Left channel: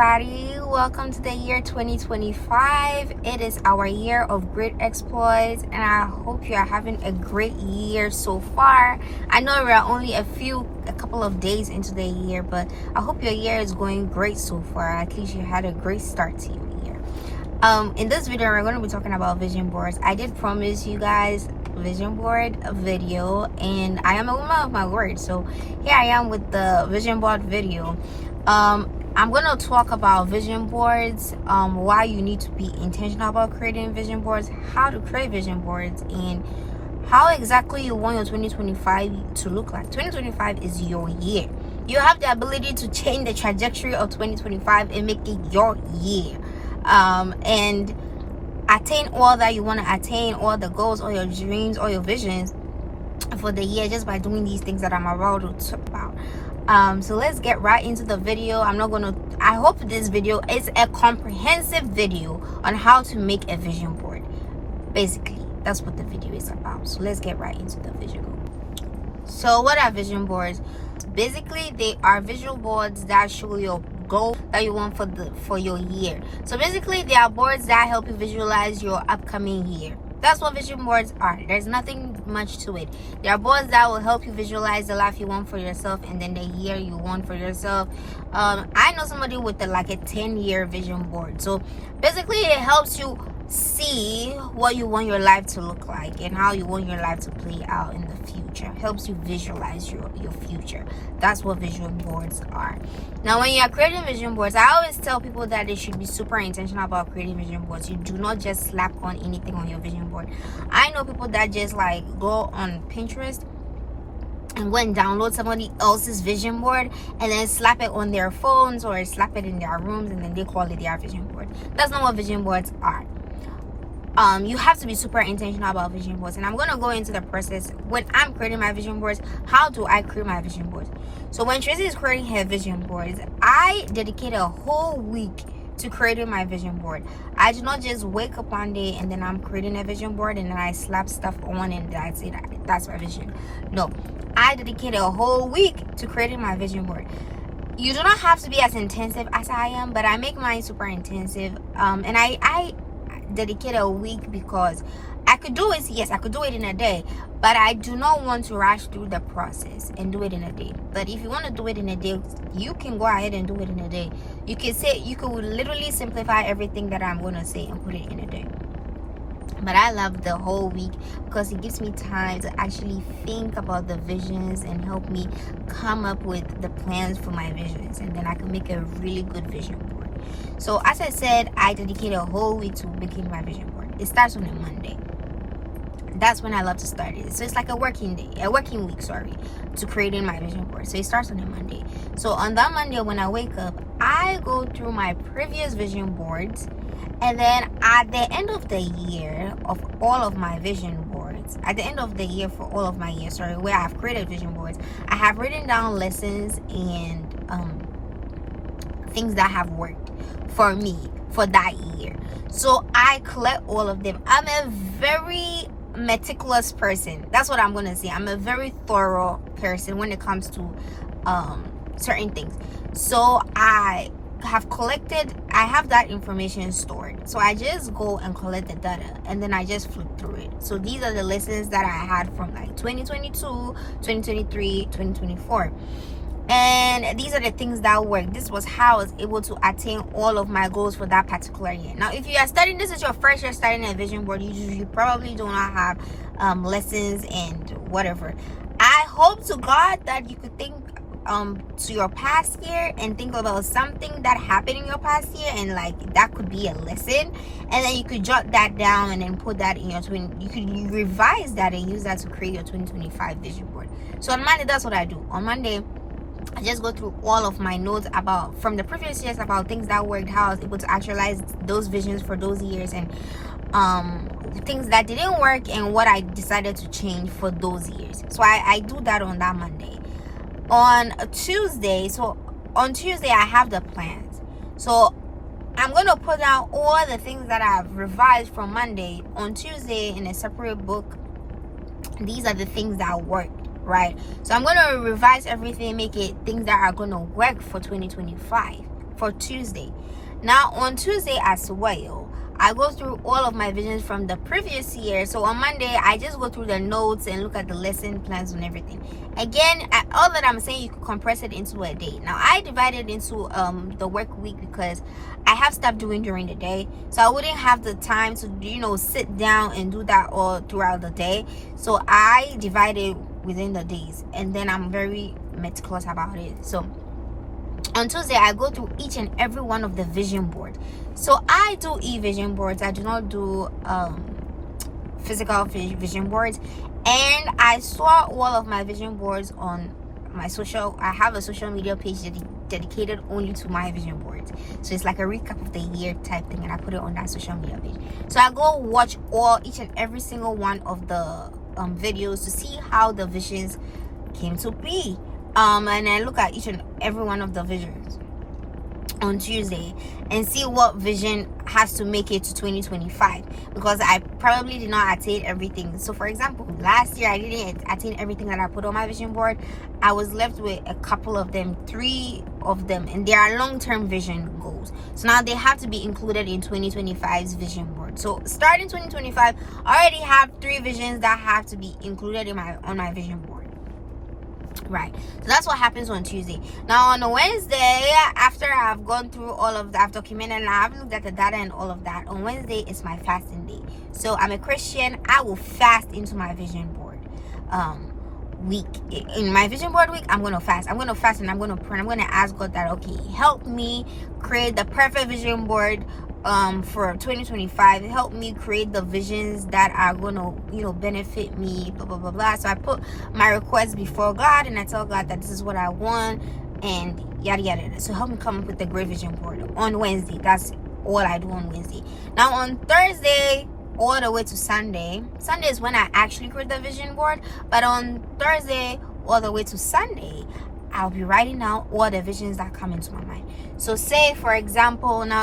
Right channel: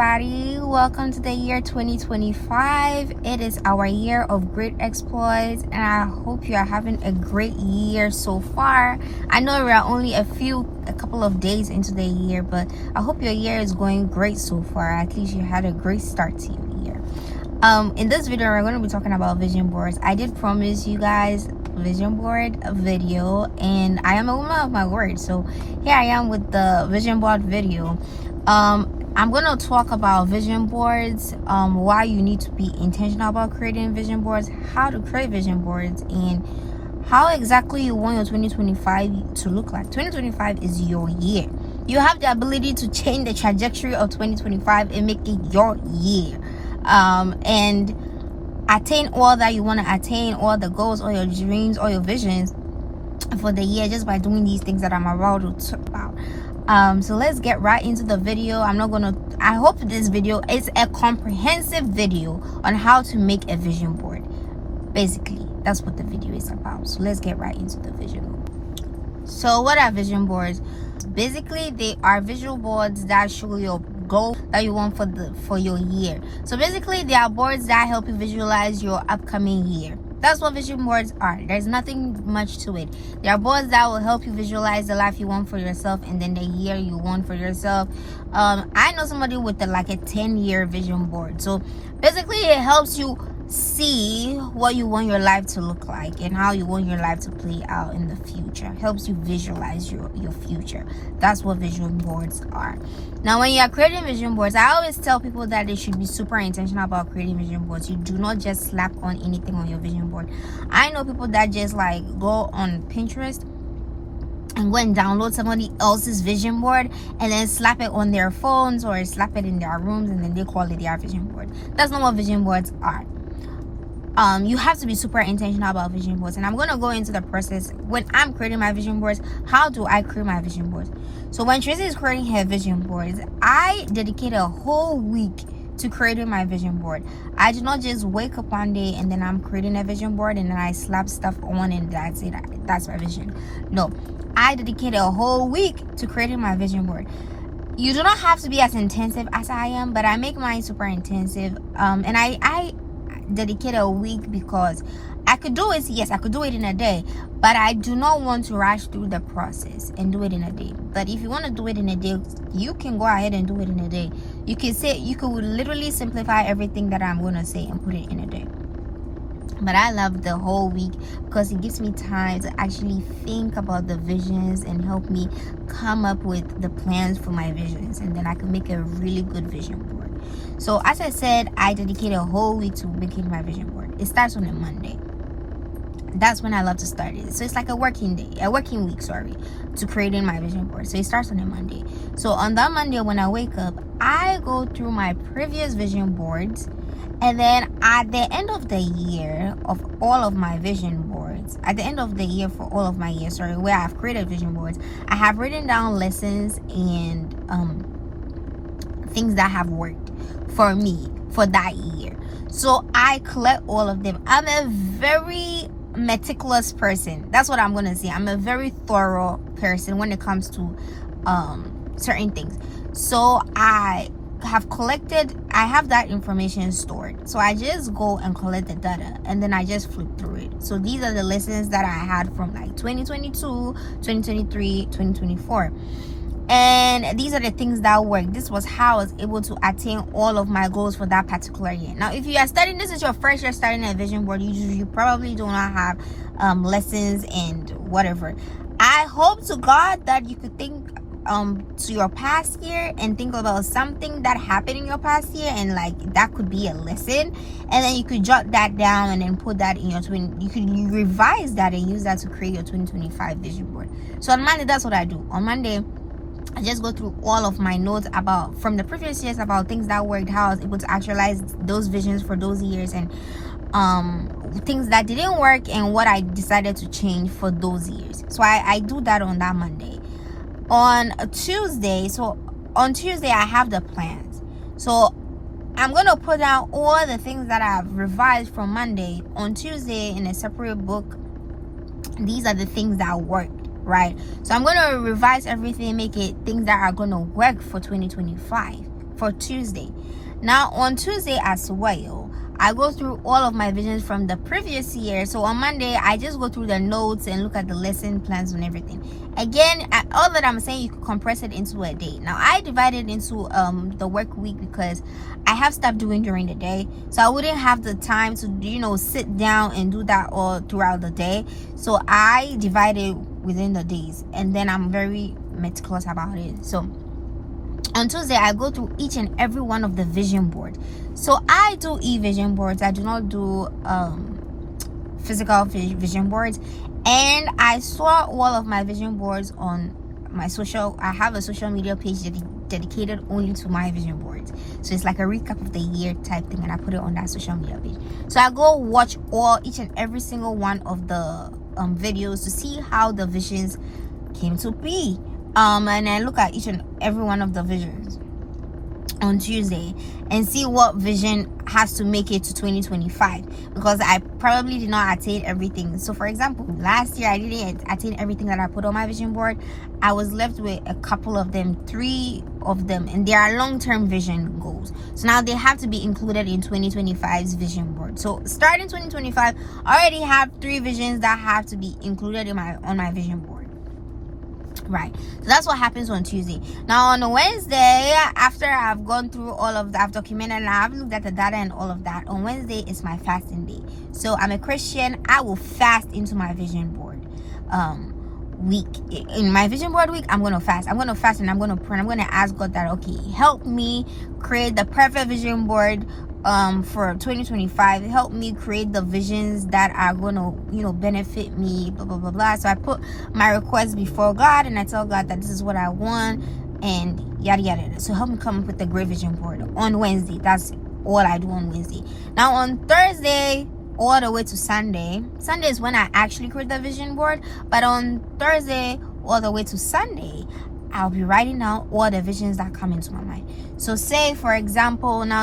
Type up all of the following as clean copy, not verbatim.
everybody. Welcome to the year 2025. It is our year of great exploits, and I hope you are having a great year so far. I know we are only a couple of days into the year, but I hope your year is going great so far. At least you had a great start to your year. In this video, we're going to be talking about vision boards. I did promise you guys vision board video, and I am a woman of my word, so here I am with the vision board video. I'm gonna talk about vision boards, why you need to be intentional about creating vision boards, how to create vision boards, and how exactly you want your 2025 to look like. 2025 is your year. You have the ability to change the trajectory of 2025 and make it your year, and attain all that you want to attain, all the goals, all your dreams, all your visions for the year, just by doing these things that I'm about to talk about. So let's get right into the video. I hope this video is a comprehensive video on how to make a vision board. Basically, that's what the video is about. So let's get right into the vision board. So what are vision boards? Basically, they are visual boards that show your goal that you want for your year. So basically, they are boards that help you visualize your upcoming year. That's what vision boards are. There's nothing much to it. They are boards that will help you visualize the life you want for yourself and then the year you want for yourself. I know somebody with a 10-year vision board. So basically, it helps you see what you want your life to look like and how you want your life to play out in the future. Helps you visualize your future. That's what vision boards are. Now, when you are creating vision boards, I always tell people that they should be super intentional about creating vision boards. You do not just slap on anything on your vision board. I know people that just go on Pinterest and go and download somebody else's vision board and then slap it on their phones or slap it in their rooms, and then they call it their vision board. That's not what vision boards are. You have to be super intentional about vision boards, and I'm going to go into the process when I'm creating my vision boards. How do I create my vision boards? So when Tracy is creating her vision boards, I dedicate a whole week to creating my vision board. I do not just wake up one day and then I'm creating a vision board and then I slap stuff on and that's it. That's my vision. No, I dedicate a whole week to creating my vision board. You do not have to be as intensive as I am, but I make mine super intensive. And I dedicate a week because I could do it. Yes, I could do it in a day, but I do not want to rush through the process and do it in a day. But if you want to do it in a day, you can go ahead and do it in a day. You could literally simplify everything that I'm going to say and put it in a day. But I love the whole week because it gives me time to actually think about the visions and help me come up with the plans for my visions, and then I can make a really good vision board. So as I said, I dedicate a whole week to making my vision board. It starts on a Monday. That's when I love to start it. So it's like a working week, to creating my vision board. So it starts on a Monday. So on that Monday, when I wake up, I go through my previous vision boards, and then at the end of the year of all of my vision boards, at the end of the year for all of my years, where I've created vision boards, I have written down lessons and things that have worked for me for that year. So I collect all of them. I'm a very meticulous person. That's what I'm gonna say. I'm a very thorough person when it comes to certain things. So I have that information stored. So I just go and collect the data and then I just flip through it. So these are the lessons that I had from 2022, 2023, 2024. And these are the things that work. This was how I was able to attain all of my goals for that particular year. Now, if you are studying, this is your first year starting a vision board, you probably do not have lessons and whatever. I hope to God that you could think to your past year and think about something that happened in your past year, and that could be a lesson, and then you could jot that down and then put that in you revise that and use that to create your 2025 vision board. So on Monday, that's what I do. On Monday, I just go through all of my notes from the previous years about things that worked, how I was able to actualize those visions for those years, and things that didn't work and what I decided to change for those years. So I do that on that Monday. On Tuesday, I have the plans. So I'm going to put down all the things that I've revised from Monday on Tuesday in a separate book. These are the things that worked, right? So I'm going to revise everything, make it things that are going to work for 2025 for Tuesday. Now on Tuesday as well, I go through all of my visions from the previous year. So on Monday, I just go through the notes and look at the lesson plans and everything. Again, all that I'm saying, you could compress it into a day. Now I divided into the work week because I have stuff doing during the day, so I wouldn't have the time to sit down and do that all throughout the day. So I divided within the days, and then I'm very meticulous about it. So on Tuesday, I go through each and every one of the vision board. So I do e-vision boards. I do not do physical vision boards. And I saw all of my vision boards on my I have a social media page dedicated only to my vision boards. So it's like a recap of the year type thing, and I put it on that social media page. So I go watch each and every single one of the videos to see how the visions came to be. And I look at each and every one of the visions on Tuesday and see what vision has to make it to 2025, because I probably did not attain everything. So for example, last year I didn't attain everything that I put on my vision board. I was left with a couple of them, 3 of them, and they are long-term vision goals. So now they have to be included in 2025's vision board. So starting 2025, I already have 3 visions that have to be included on my vision board. Right, so that's what happens on Tuesday. Now on a Wednesday, after I've gone through all of that, I've documented and I've looked at the data and all of that, on Wednesday is my fasting day. So I'm a Christian. I will fast into my vision board week. In my vision board week, I'm going to fast and I'm going to pray. I'm going to ask God that, okay, help me create the perfect vision board for 2025. Help me create the visions that are gonna benefit me, blah blah blah blah. So I put my request before God and I tell God that this is what I want and yada yada. So help me come up with a great vision board on Wednesday. That's all I do on Wednesday. Now on Thursday all the way to Sunday is when I actually create the vision board, but on Thursday all the way to Sunday, I'll be writing out all the visions that come into my mind. So say for example, now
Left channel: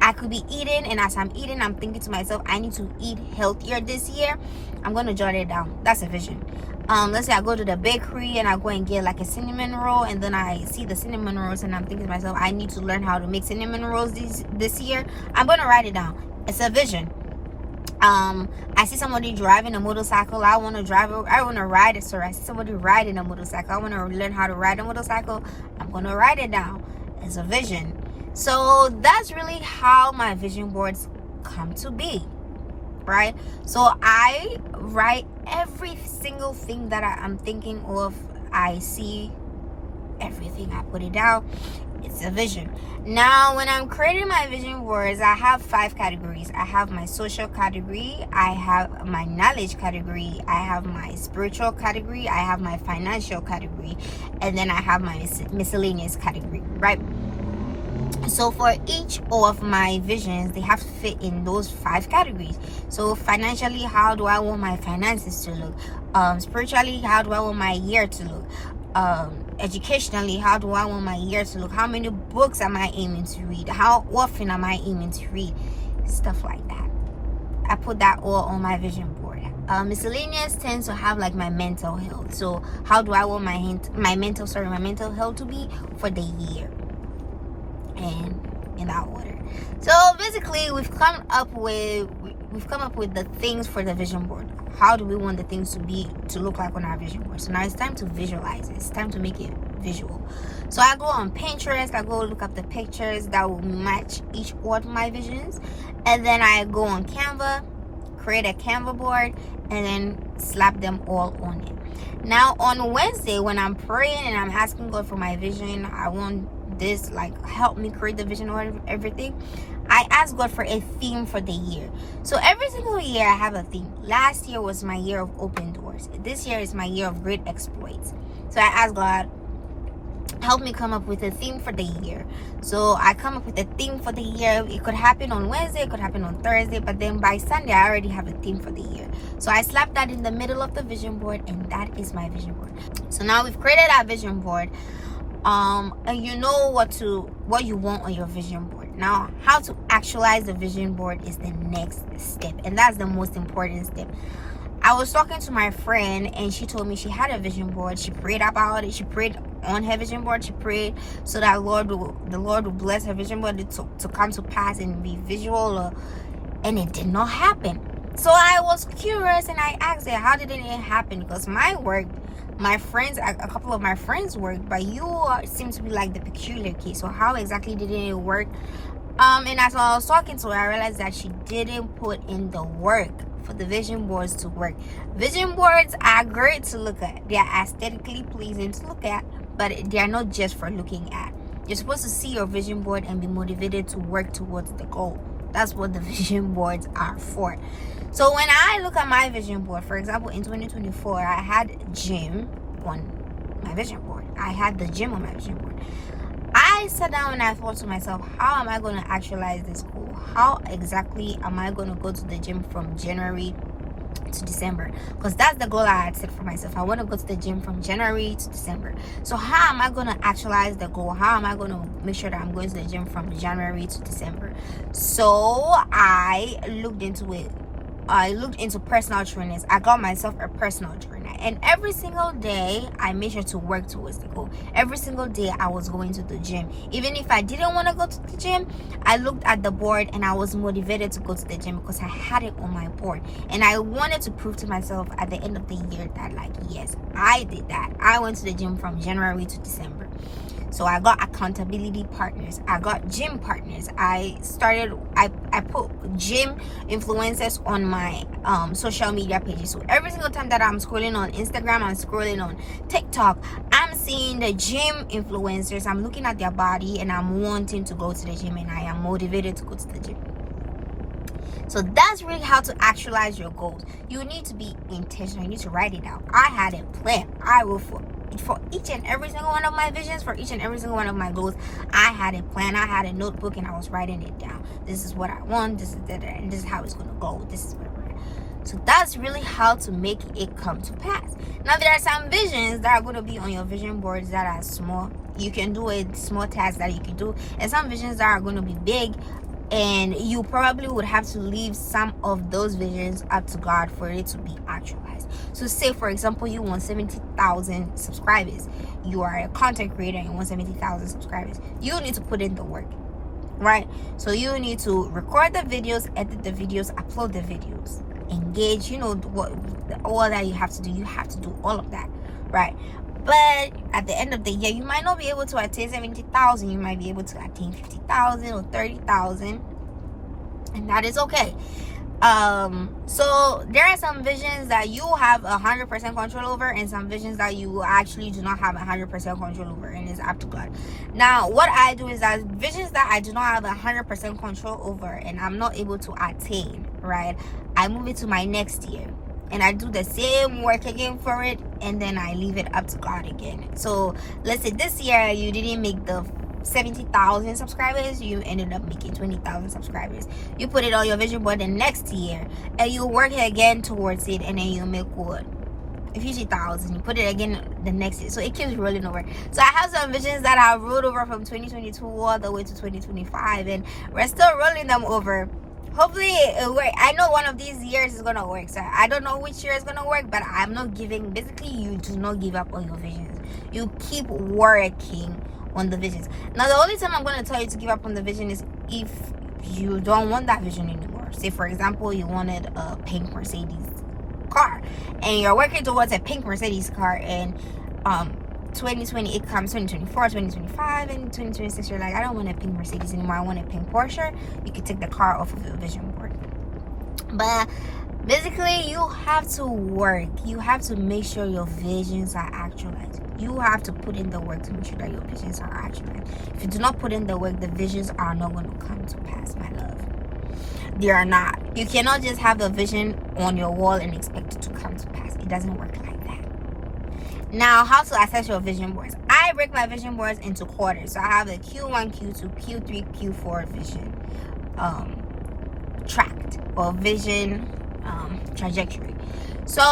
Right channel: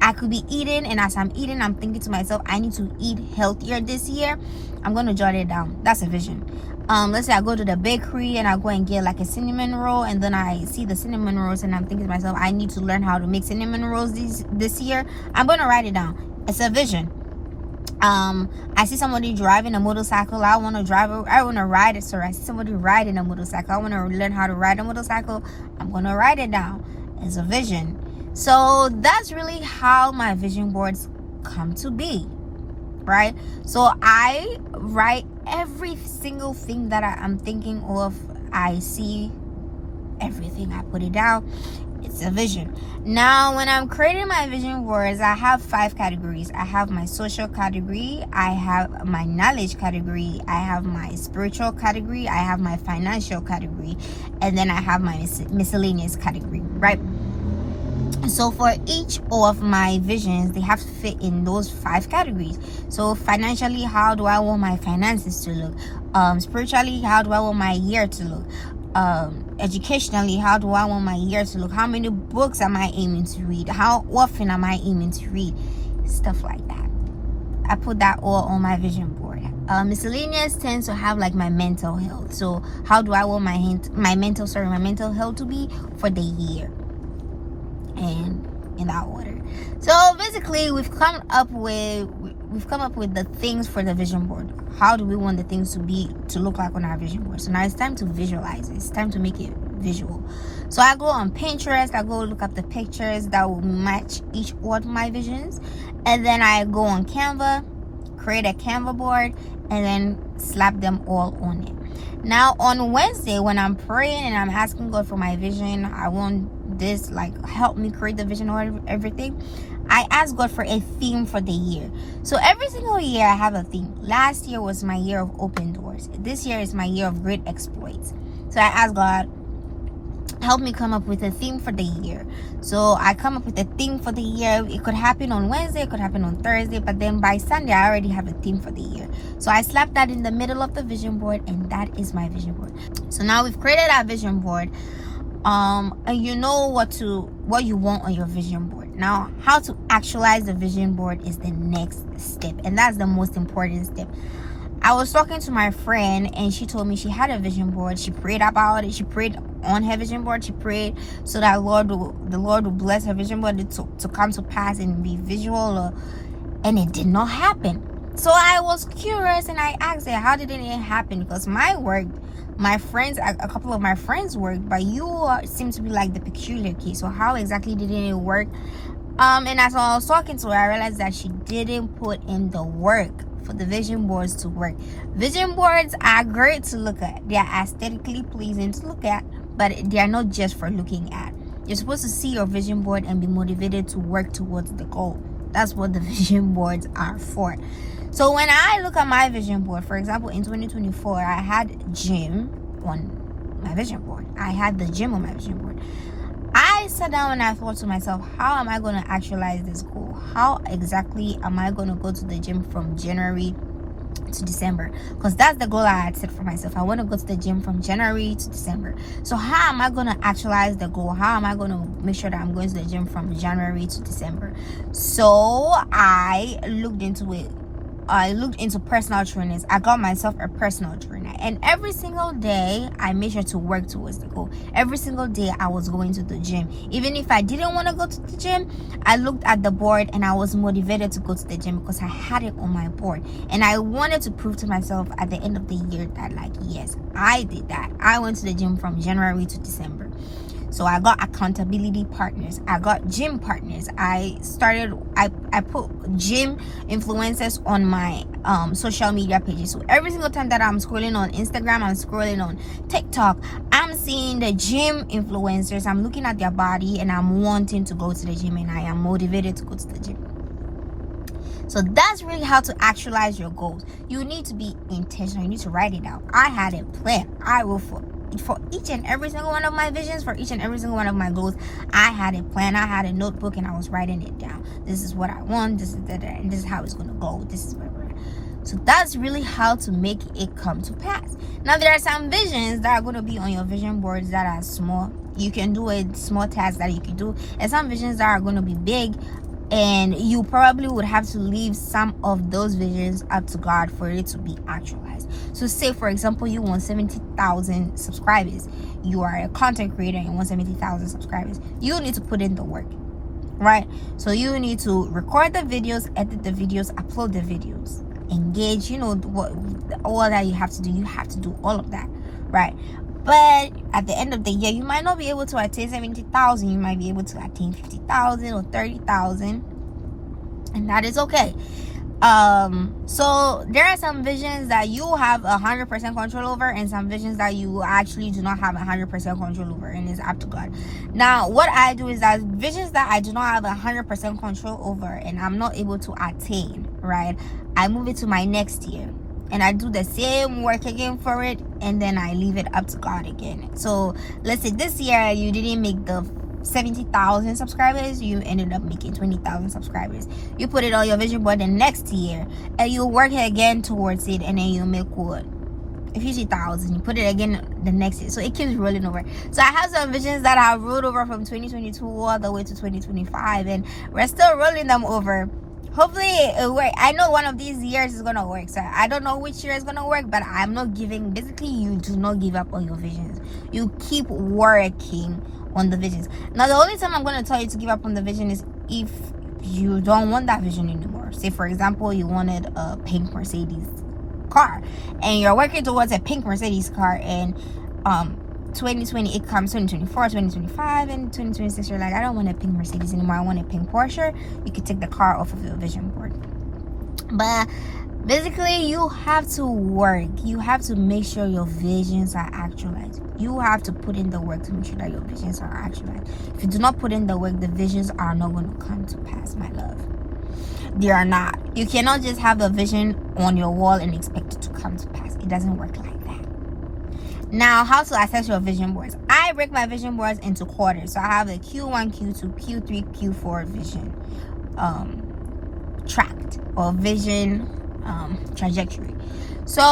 I could be eating, and as I'm eating, I'm thinking to myself, I need to eat healthier this year. I'm going to jot it down. That's a vision. Let's say I go to the bakery and I go and get like a cinnamon roll, and then I see the cinnamon rolls and I'm thinking to myself, I need to learn how to make cinnamon rolls this year. I'm going to write it down. It's a vision. I see somebody driving a motorcycle. I want to ride it. Sorry, I see somebody riding a motorcycle. I want to learn how to ride a motorcycle. I'm going to write it down. It's a vision. So that's really how my vision boards come to be, right? So I write every single thing that I'm thinking of. I see everything. I put it down. It's a vision. Now when I'm creating my vision boards, I have 5 categories. I have my social category, I have my knowledge category, I have my spiritual category, I have my financial category, and then I have my miscellaneous category, right? So for each of my visions, they have to fit in those 5 categories. So financially, how do I want my finances to look? Spiritually, how do I want my year to look? Educationally, how do I want my year to look? How many books am I aiming to read? How often am I aiming to read? Stuff like that. I put that all on my vision board. Miscellaneous tends to have like my mental health. So how do I want my mental health to be for the year? And in that order. So basically, we've come up with the things for the vision board. How do we want the things to look like on our vision board? So now it's time to visualize it. It's time to make it visual. So I go on Pinterest, I go look up the pictures that will match each one of my visions, and then I go on Canva, create a Canva board, and then slap them all on it. Now on Wednesday, when I'm praying and I'm asking God for my vision, I want this, like, help me create the vision or everything, I ask God for a theme for the year. So every single year I have a theme. Last year was my year of open doors. This year is my year of great exploits. So I ask God, help me come up with a theme for the year. So I come up with a theme for the year. It could happen on Wednesday, it could happen on Thursday, but then by Sunday I already have a theme for the year. So I slap that in the middle of the vision board, and that is my vision board. So now we've created our vision board. And you know what you want on your vision board. Now how to actualize the vision board is the next step, and that's the most important step. I was talking to my friend and she told me she had a vision board. She prayed about it. She prayed on her vision board. She prayed so that the Lord will bless her vision board to come to pass and be visual, and it did not happen. So I was curious and I asked her, how did it happen? Because mine worked, my friends, a couple of my friends worked, but you seem to be like the peculiar case. So how exactly did it work? And as I was talking to her, I realized that she didn't put in the work for the vision boards to work. Vision boards are great to look at. They are aesthetically pleasing to look at, but they are not just for looking at. You're supposed to see your vision board and be motivated to work towards the goal. That's what the vision boards are for. So when I look at my vision board, for example, in 2024, I had gym on my vision board. I had the gym on my vision board. I sat down and I thought to myself, how am I going to actualize this goal? How exactly am I going to go to the gym from January to December? Because that's the goal I had set for myself. I want to go to the gym from January to December. So how am I going to actualize the goal? How am I going to make sure that I'm going to the gym from January to December? So I looked into it. I looked into personal trainers. I got myself a personal trainer, and every single day I made sure to work towards the goal. Every single day I was going to the gym. Even if I didn't want to go to the gym, I looked at the board and I was motivated to go to the gym because I had it on my board, and I wanted to prove to myself at the end of the year that, like, yes, I did that. I went to the gym from January to December. So I got accountability partners. I got gym partners. I put gym influencers on my social media pages. So every single time that I'm scrolling on Instagram, I'm scrolling on TikTok, I'm seeing the gym influencers. I'm looking at their body and I'm wanting to go to the gym, and I am motivated to go to the gym. So that's really how to actualize your goals. You need to be intentional. You need to write it out. I had a plan. I will for each and every single one of my visions, for each and every single one of my goals, I had a plan. I had a notebook and I was writing it down. This is what I want. This is that, and this is how it's going to go. This is what. So that's really how to make it come to pass. Now there are some visions that are going to be on your vision boards that are small. You can do a small task that you can do, and some visions that are going to be big, and you probably would have to leave some of those visions up to God for it to be actualized. So say, for example, you want 70,000 subscribers. You are a content creator and you want 70,000 subscribers. You need to put in the work, right? So you need to record the videos, edit the videos, upload the videos, engage, all that you have to do. You have to do all of that, right? But at the end of the year, you might not be able to attain 70,000. You might be able to attain 50,000 or 30,000, and that is okay. So there are some visions that you have 100% control over, and some visions that you actually do not have 100% control over, and it's up to God. Now, what I do is that visions that I do not have 100% control over and I'm not able to attain, right, I move it to my next year. And I do the same work again for it, and then I leave it up to God again. So let's say this year you didn't make the 70,000 subscribers, you ended up making 20,000 subscribers. You put it on your vision board the next year, and you work again towards it, and then you make what? 50,000. You put it again the next year. So it keeps rolling over. So I have some visions that have rolled over from 2022 all the way to 2025, and we're still rolling them over. Hopefully it works. I know one of these years is gonna work. So I don't know which year is gonna work, but I'm not giving. Basically, you do not give up on your visions. You keep working on the visions. Now, the only time I'm gonna tell you to give up on the vision is if you don't want that vision anymore. Say, for example, you wanted a pink Mercedes car, and you're working towards a pink Mercedes car, and 2020 it comes, 2024, 2025, and 2026 you're like, I don't want a pink Mercedes anymore, I want a pink Porsche. You can take the car off of your vision board. But basically, you have to work. You have to make sure your visions are actualized. You have to put in the work to make sure that your visions are actualized. If you do not put in the work, the visions are not going to come to pass, my love. They are not. You cannot just have a vision on your wall and expect it to come to pass. It doesn't work like that. Now, how to assess your vision boards? I break my vision boards into quarters. So I have a Q1, Q2, Q3, Q4 vision tracked, or vision trajectory. So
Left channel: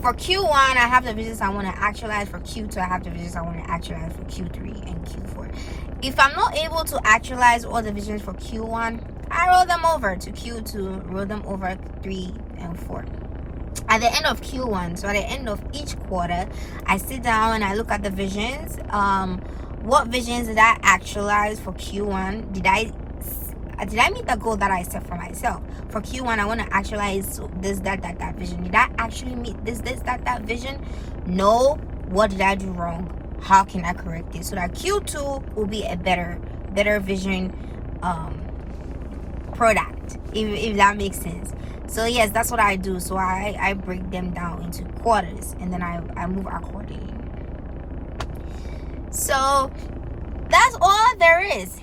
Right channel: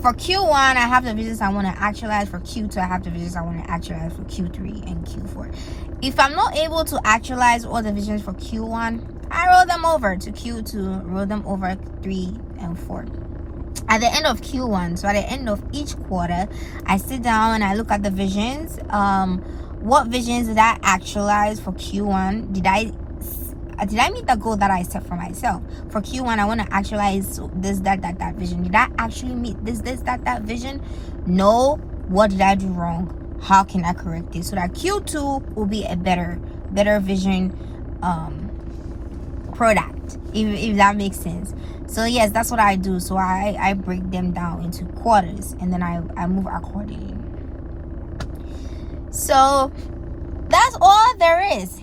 for Q1, I have the visions I want to actualize. For Q2, I have the visions I want to actualize for Q3 and Q4. If I'm not able to actualize all the visions for Q1, I roll them over to Q2, roll them over 3 and 4. at the end of Q1, so at the end of each quarter, I sit down and I look at the visions. What visions did I actualize for Q1? Did I meet the goal that I set for myself? For Q1, I want to actualize this, that vision. Did I actually meet this, that vision? No. What did I do wrong? How can I correct it so that Q2 will be a better vision product, if that makes sense? So yes, that's what I do. So I break them down into quarters, and then I move accordingly. So that's all there is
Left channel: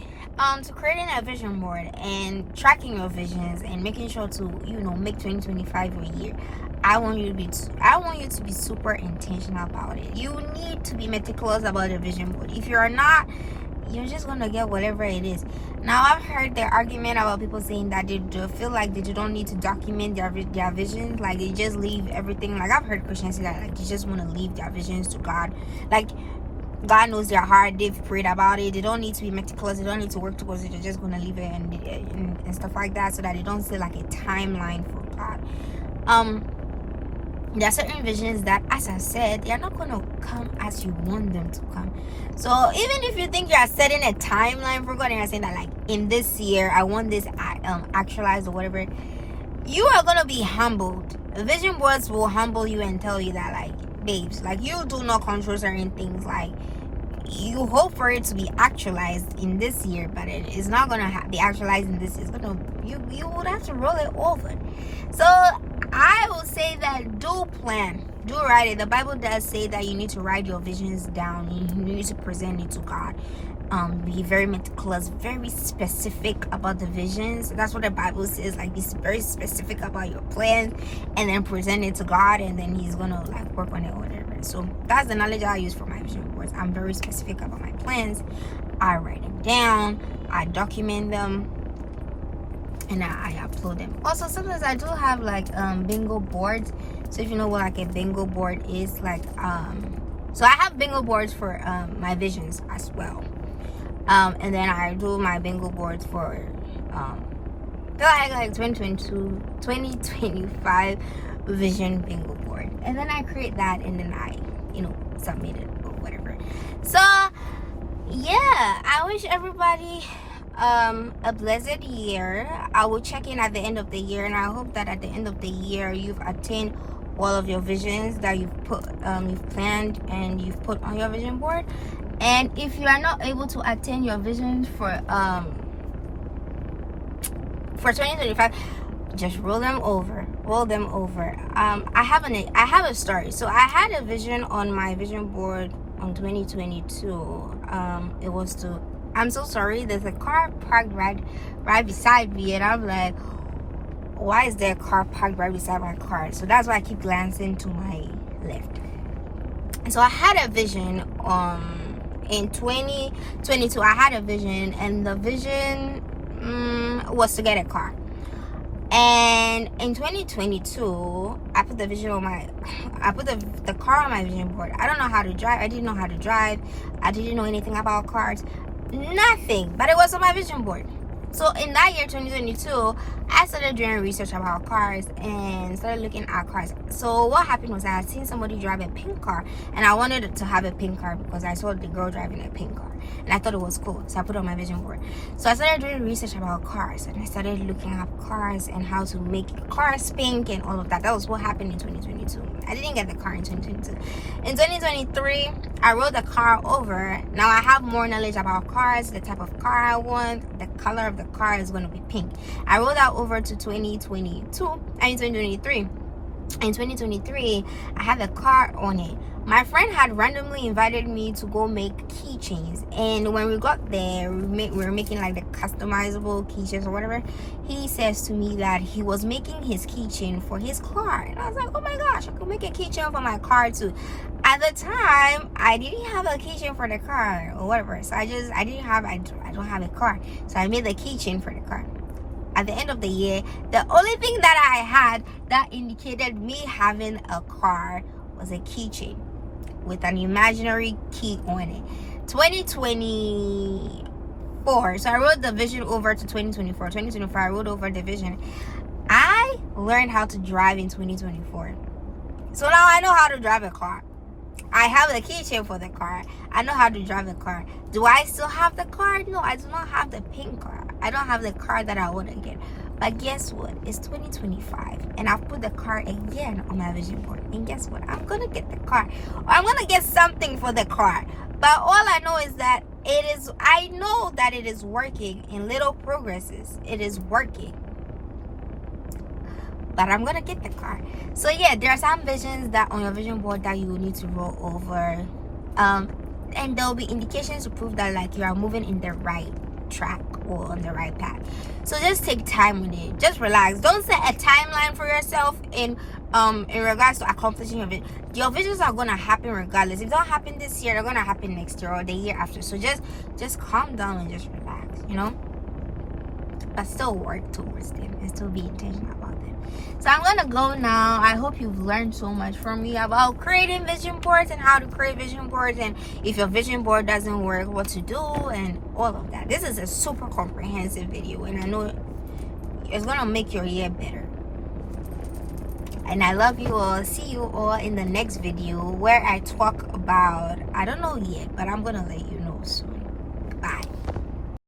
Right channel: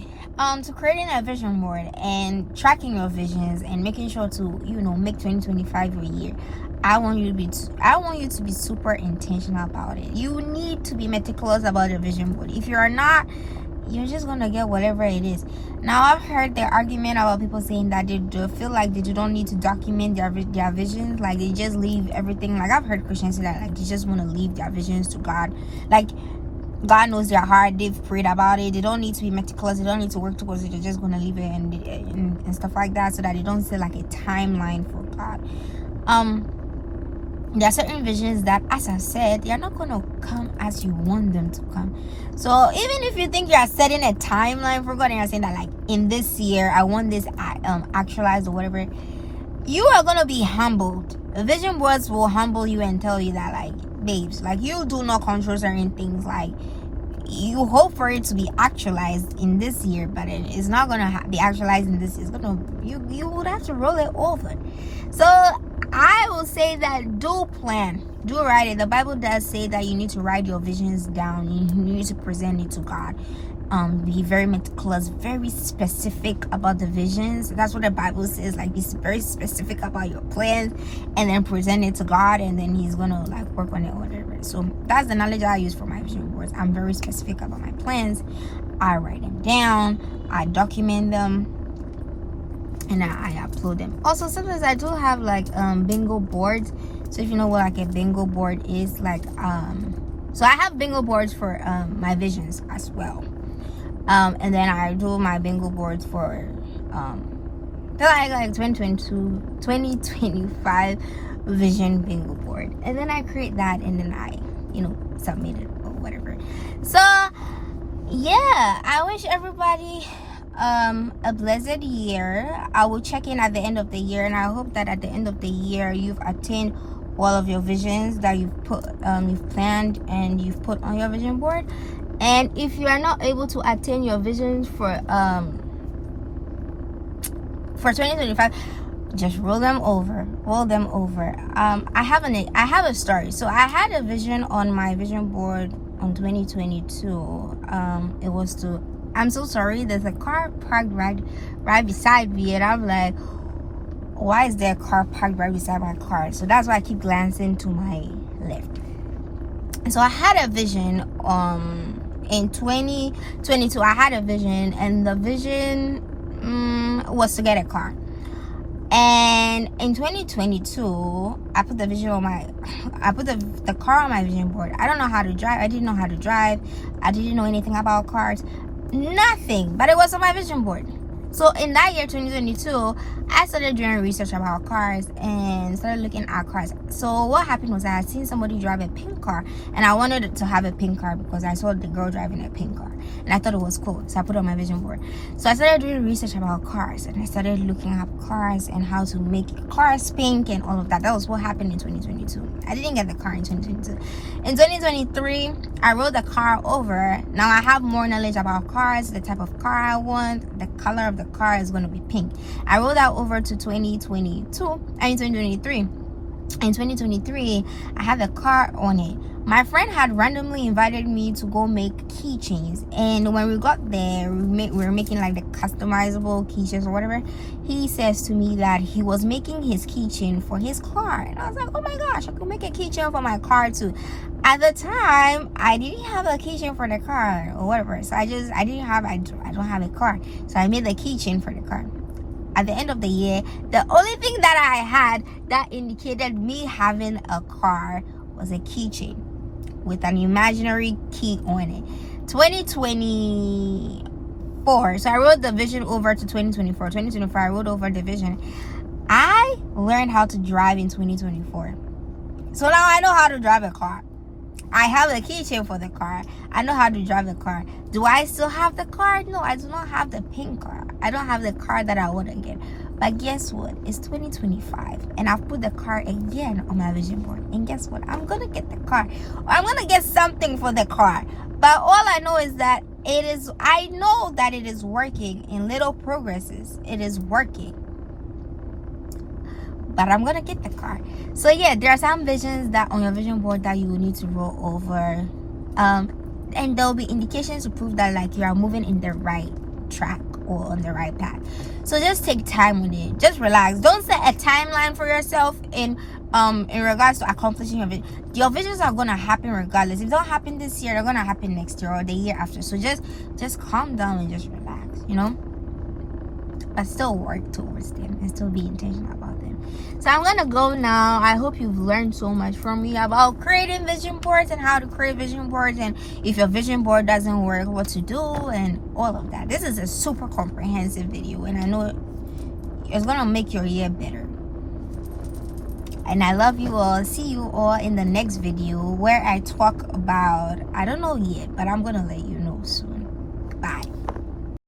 to creating a vision board and tracking your visions and making sure to make 2025 your year. I want you to be super intentional about it. You need to be meticulous about a vision board. If you're not, you're just gonna get whatever it is. Now, I've heard the argument about people saying that they feel like they don't need to document their visions, like they just leave everything. Like, I've heard Christians say that, like, they just want to leave their visions to God. Like, God knows their heart, they've prayed about it, they don't need to be meticulous, they don't need to work towards it, they're just gonna leave it and stuff like that, so that they don't say like a timeline for God. There are certain visions that, as I said, they're not going to come as you want them to come. So even if you think you're setting a timeline for God and you're saying that, like, in this year I want this actualized or whatever, you are going to be humbled. The vision boards will humble you and tell you that, like, babes, like, you do not control certain things. Like, you hope for it to be actualized in this year, but it is not going to be actualized in this year. It's going to, you would have to roll it over. So I will say that do plan, do write it. The Bible does say that you need to write your visions down. You need to present it to God. Be very meticulous, very specific about the visions. That's what the Bible says. Like, be very specific about your plans, and then present it to God, and then He's gonna like work on it or whatever. So that's the knowledge I use for my vision boards. I'm very specific about my plans. I write them down. I document them. And I upload them. Also, sometimes I do have like bingo boards. So if you know what like a bingo board is, like so I have bingo boards for my visions as well. And then I do my bingo boards for like 2025 vision bingo board. And then I create that, and then I submit it or whatever. So yeah, I wish everybody a blessed year. I will check in at the end of the year, and I hope that at the end of the year you've attained all of your visions that you've planned and you've put on your vision board. And if you are not able to attain your visions for 2025, just roll them over. I have a story. So I had a vision on my vision board on 2022. It was to, I'm so sorry, there's a car parked right beside me, and I'm like, why is there a car parked right beside my car? So that's why I keep glancing to my left. And so I had a vision in 2022. I had a vision, and the vision was to get a car. And in 2022, I put the vision on I put the car on my vision board. I don't know how to drive. I didn't know how to drive. I didn't know anything about cars. Nothing. But it was on my vision board. So in that year, 2022, I started doing research about cars and started looking at cars. So what happened was I had seen somebody drive a pink car, and I wanted to have a pink car because I saw the girl driving a pink car, and I thought it was cool. So I put it on my vision board. So I started doing research about cars, and I started looking up cars and how to make cars pink and all of that. That was what happened in 2022. I didn't get the car in 2022. In 2023, I rolled the car over. Now I have more knowledge about cars, the type of car I want, the color of the car is going to be pink. I rolled that over to 2023. In 2023, I had the car on it. My friend had randomly invited me to go make keychains, and when we got there, we were making like the customizable keychains or whatever. He says to me that he was making his keychain for his car, and I was like, oh my gosh, I could make a keychain for my car too. At the time, I didn't have a keychain for the car or whatever, so I don't have a car, so I made the keychain for the car. At the end of the year, the only thing that I had that indicated me having a car was a keychain with an imaginary key on it. 2024, so I wrote the vision over to 2024. 2024, I wrote over the vision. I learned how to drive in 2024. So now I know how to drive a car. I have a keychain for the car. I know how to drive the car. Do I still have the car? No, I do not have the pink car. I don't have the car that I want to get. But guess what? It's 2025 and I've put the car again on my vision board. And guess what? I'm going to get the car. Or I'm going to get something for the car. But all I know is that I know that it is working in little progresses. It is working. But I'm going to get the car. So yeah, there are some visions that on your vision board that you will need to roll over. And there will be indications to prove that like you are moving in the right track or on the right path. So just take time with it. Just relax. Don't set a timeline for yourself in regards to accomplishing your vision. Your visions are gonna happen regardless. If they don't happen this year, they're gonna happen next year or the year after. So just calm down and just relax, you know. But still work towards them and still be intentional about them. So I'm gonna go now. I hope you've learned so much from me about creating vision boards and how to create vision boards, and if your vision board doesn't work, what to do and all of that. This is a super comprehensive video and I know it's gonna make your year better. And I love you all. See you all in the next video where I talk about, I don't know yet, but I'm gonna let you know soon. Bye.